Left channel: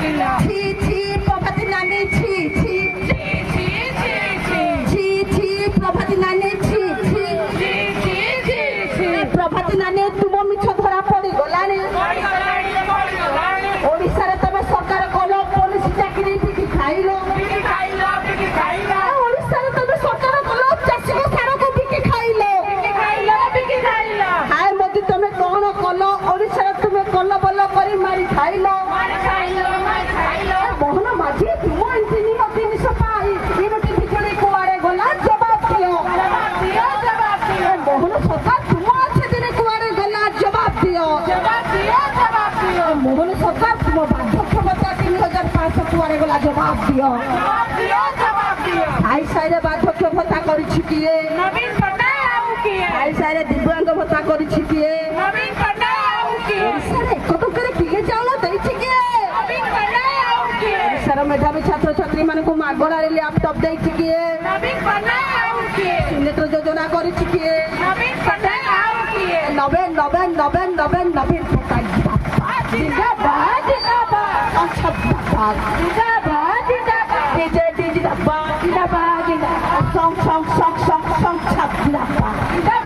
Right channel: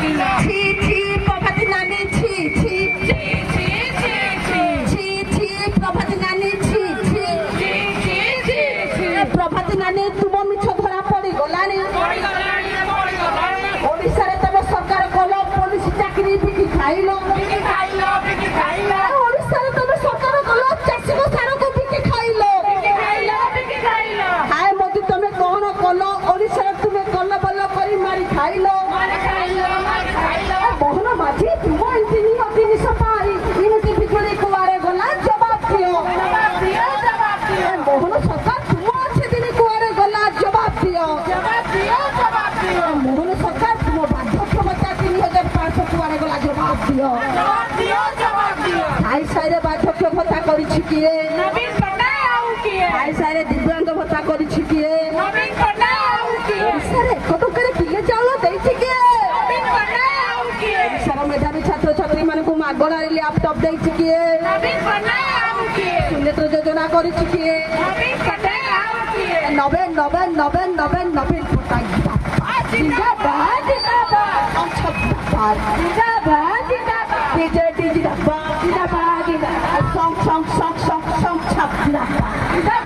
ছি ছি প্রভাতী নানি ছি ছি ছি ছি প্রভাতী নানি ছি ছি প্রভাতী নানি তুম মিছ ধরা পড়িগলানি ওড়িশারে তবে সরকার কল পুলিশ চাকরি বিকি খাইল ওড়িশারে তবে সরকার কল চাষী সারকে বিকি খাইল হায় মোদি তুমি কଣ কল ওড়িশারে তুমি কল বল କରି মারি খাইল মোহন মাঝি তুম ইঞ্জিনি জিনিস পাই ইমতি বিজুড়ি কুয়ারে গলা জবাব দিও মোহন সরকার তুম আছে দিনে কুয়ারে গলা জবাব দিও মোহন সরকার তুম বার্ধক্য ভাতা 3500 কুয়ারে গলা জবাব দিও আই সাইরে বার্ধক্য ভাতা করিছি কিয়ে আই সাইরে দিব্যাঙ্গ ভাতা করিছি কিয়ে ওড়িশারে কত করে কিলে চাউল দেইছি কিয়ে ওড়িশার মেধাবী ছাত্রছাত্রী মানুষ মাগଣାରେ ল্যাপটপ ଦେଇଛି କିଏ ସୁନେତ୍ର ଯୋଜନା କରିଛି କିଏ ନବେ ନବେ ନବେ ନବେ